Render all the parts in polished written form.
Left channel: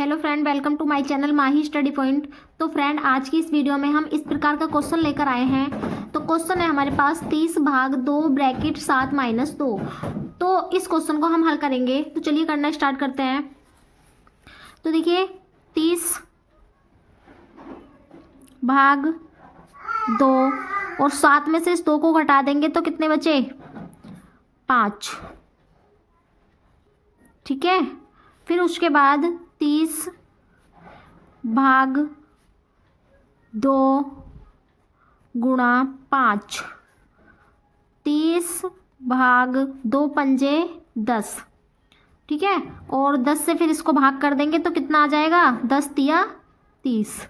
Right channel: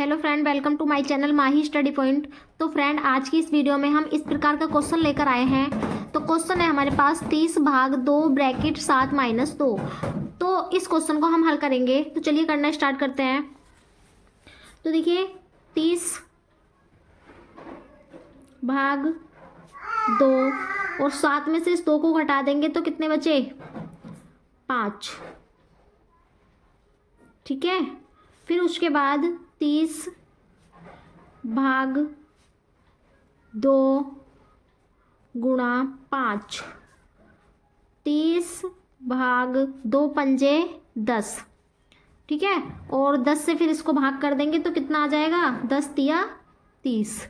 Hello friend, welcome to my channel Mahi study point. तो friend, आज की इस वीडियो में हम इस प्रकार का क्वेश्चन लेकर आए हैं। तो क्वेश्चन है हमारे पास 30 भाग 2 ब्रैकेट 7 माइनस 2। तो इस क्वेश्चन को हम हल करेंगे। तो चलिए करना स्टार्ट करते हैं। तो देखिए 30 भाग 2 और 7 में से इस 2 को घटा देंगे तो कितने बचे? 5। ठीक है, फिर उसके बाद 30 भाग 2 गुणा 5। 30 भाग 2 पंजे 10। ठीक है, और 10 से फिर इसको भाग कर देंगे तो कितना आ जाएगा? 10 तिया 30।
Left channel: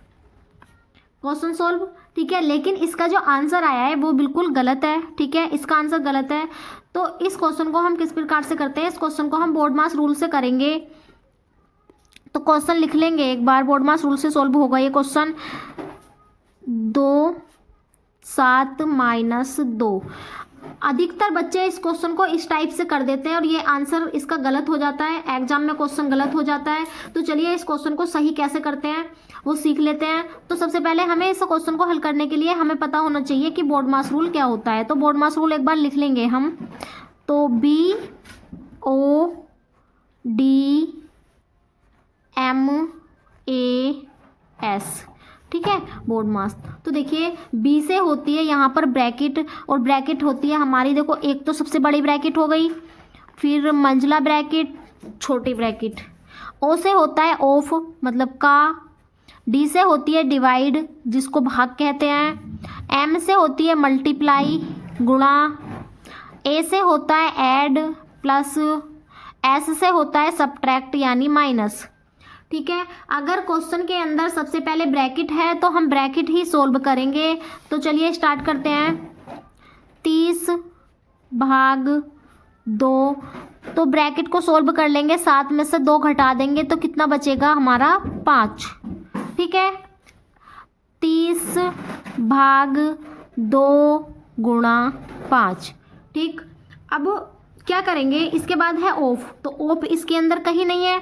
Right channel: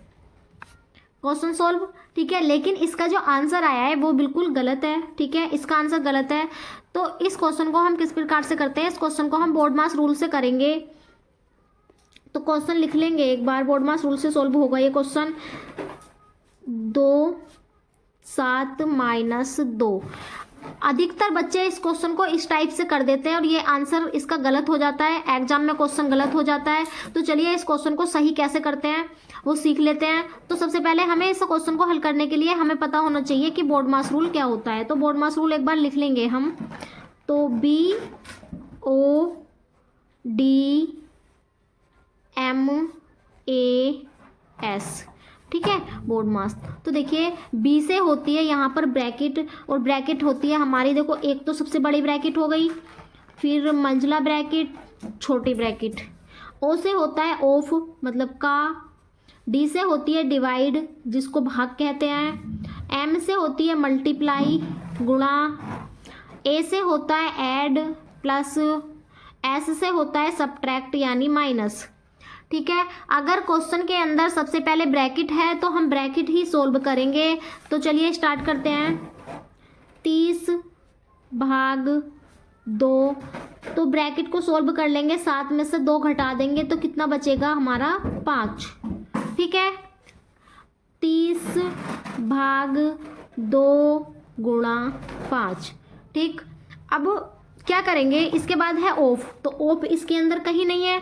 Question solve. ठीक है, लेकिन इसका जो आंसर आया है वो बिल्कुल गलत है। ठीक है, इसका आंसर गलत है। तो इस क्वेश्चन को हम किस प्रकार से करते हैं? इस क्वेश्चन को हम बोर्ड मास रूल से करेंगे। तो क्वेश्चन लिख लेंगे एक बार, बोर्ड मास रूल से सॉल्व होगा ये क्वेश्चन। 2 7 माइनस 2। अधिकतर बच्चे इस क्वेश्चन को इस टाइप से कर देते हैं और ये आंसर इसका गलत हो जाता है। एग्जाम में क्वेश्चन गलत हो जाता है। तो चलिए इस क्वेश्चन को सही कैसे करते हैं वो सीख लेते हैं। तो सबसे पहले हमें इस क्वेश्चन को हल करने के लिए हमें पता होना चाहिए कि बोर्ड मास रूल क्या होता है। तो बोर्ड मास रूल एक बार लिख लेंगे हम। तो BODMAS। ठीक है, बोर्ड मास। तो देखिए बी से होती है यहाँ पर ब्रैकेट, और ब्रैकेट होती है हमारी, देखो एक तो सबसे बड़ी ब्रैकेट हो गई, फिर मंझला ब्रैकेट, छोटी ब्रैकेट। ओ से होता है ऑफ मतलब का। डी से होती है डिवाइड जिसको भाग कहते हैं। एम से होती है मल्टीप्लाई गुणा। ए से होता है ऐड प्लस। एस से होता है सब्ट्रैक्ट यानी माइनस। ठीक है, अगर क्वेश्चन के अंदर सबसे पहले ब्रैकेट है तो हम ब्रैकेट ही सोल्व करेंगे। तो चलिए स्टार्ट करते हैं। 30 भाग 2, तो ब्रैकेट को सोल्व कर लेंगे। 7 में से 2 घटा देंगे तो कितना बचेगा हमारा? 5। ठीक है, 30 भाग 2 गुणा 5। ठीक, अब क्या करेंगे? इसके बाद है ऑफ, तो ऑफ इसके अंदर कहीं नहीं है।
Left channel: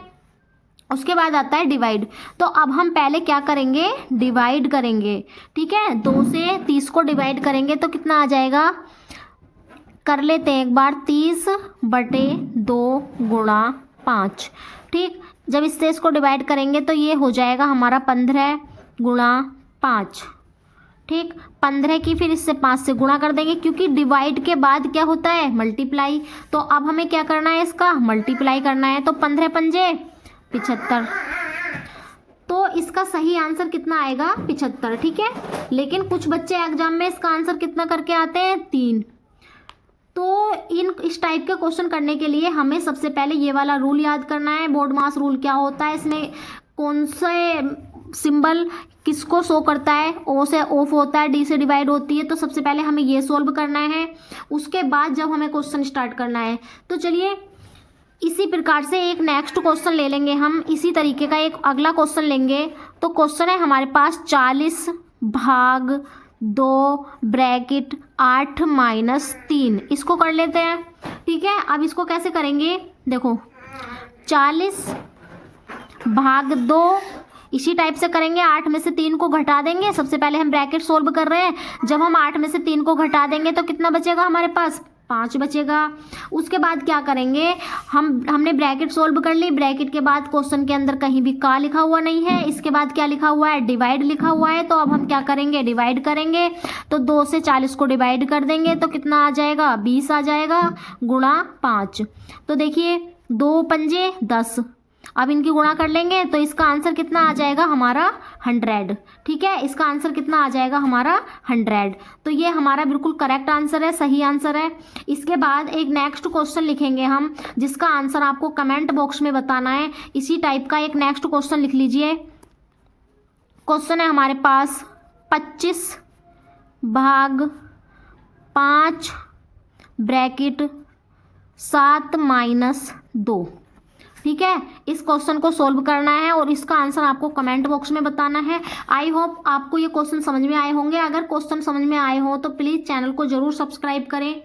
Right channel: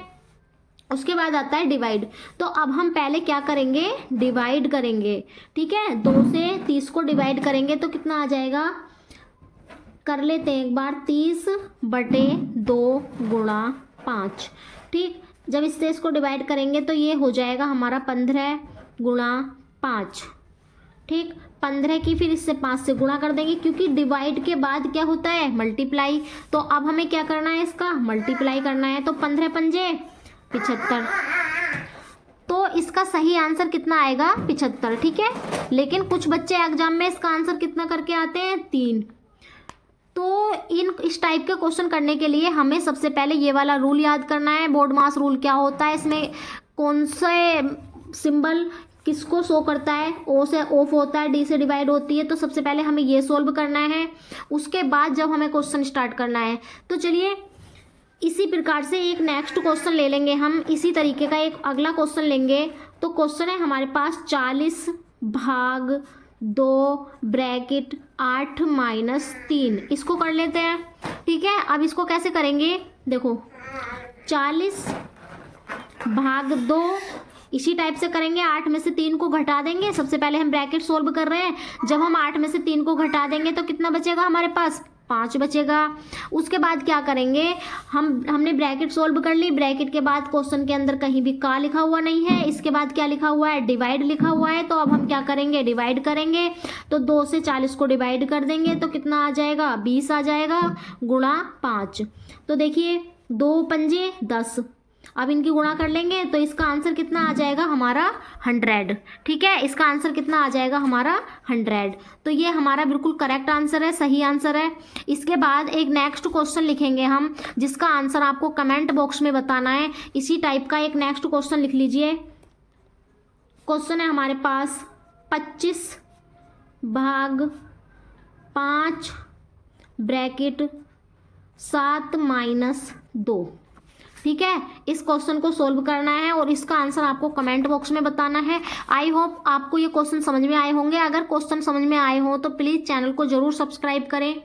उसके बाद आता है डिवाइड। तो अब हम पहले क्या करेंगे? डिवाइड करेंगे। ठीक है, 2 से 30 को डिवाइड करेंगे तो कितना आ जाएगा? कर लेते हैं एक बार। 30/2 गुणा 5। ठीक, जब इससे इसको डिवाइड करेंगे तो ये हो जाएगा हमारा 15 गुणा 5। ठीक, 15 की फिर इससे 5 से गुणा कर देंगे क्योंकि डिवाइड के बाद क्या होता है? मल्टीप्लाई। तो अब हमें क्या करना है? इसका मल्टीप्लाई करना है। तो 15 पंजे 75। तो इसका सही आंसर कितना आएगा? 75। ठीक है, लेकिन कुछ बच्चे एग्जाम में इसका आंसर कितना करके आते हैं? 3। तो इस टाइप के क्वेश्चन करने के लिए हमें सबसे पहले ये वाला रूल याद करना है। बोर्ड मास रूल क्या होता है, इसमें कौन से सिंबल किसको शो करता है? ओ से ऑफ होता है, डी से डिवाइड होती है। तो सबसे पहले हमें ये सॉल्व करना है, उसके बाद जब हमें क्वेश्चन स्टार्ट करना है। तो चलिए इसी प्रकार से एक नेक्स्ट क्वेश्चन ले लेंगे हम। इसी तरीके का एक अगला क्वेश्चन लेंगे। तो क्वेश्चन है हमारे पास 40 भाग 2 ब्रैकेट 8 माइनस 3। इसको कर लेते हैं। ठीक है, अब इसको कैसे करेंगे? देखो 40 भाग 2 इसी टाइप से करेंगे। 8 में से 3 को घटा देंगे। सबसे पहले हम ब्रैकेट सोल्व कर रहे हैं। जब हम 8 में से 3 को घटा देंगे तो कितना बचेगा हमारे पास? 5 बचेगा। उसके बाद क्या करेंगे? हमने ब्रैकेट सोल्व कर ली। ब्रैकेट के बाद क्वेश्चन के अंदर कहीं भी का लिखा हुआ नहीं है। इसके बाद क्या लिखा हुआ है? डिवाइड लिखा हुआ है। तो अब हम क्या करेंगे? डिवाइड करेंगे। तो 2 से 40 को डिवाइड कर देंगे तो कितना आ जाएगा? 20 आ जाएगा गुणा 5। तो देखिए 2 पंजे 10। अब इनकी गुणा कर लेंगे तो इसका आंसर कितना आ जाएगा हमारा? 100। ठीक है, इसका आंसर कितना आ जाएगा हमारा? 100। तो ये हमारा बिल्कुल करेक्ट आंसर है, सही आंसर है। इसके बाद एक नेक्स्ट क्वेश्चन लिखेंगे हम, जिसका आंसर आपको कमेंट बॉक्स में बताना है। इसी टाइप का एक नेक्स्ट क्वेश्चन लिख लीजिए। क्वेश्चन है हमारे पास 25 भाग 5 ब्रैकेट 7 माइनस 2। ठीक है, इस क्वेश्चन को सोल्व करना है और इसका आंसर आपको कमेंट बॉक्स में बताना है। आई होप आपको ये क्वेश्चन समझ में आए होंगे। अगर क्वेश्चन समझ में आए हो तो प्लीज़ चैनल को ज़रूर सब्सक्राइब करें।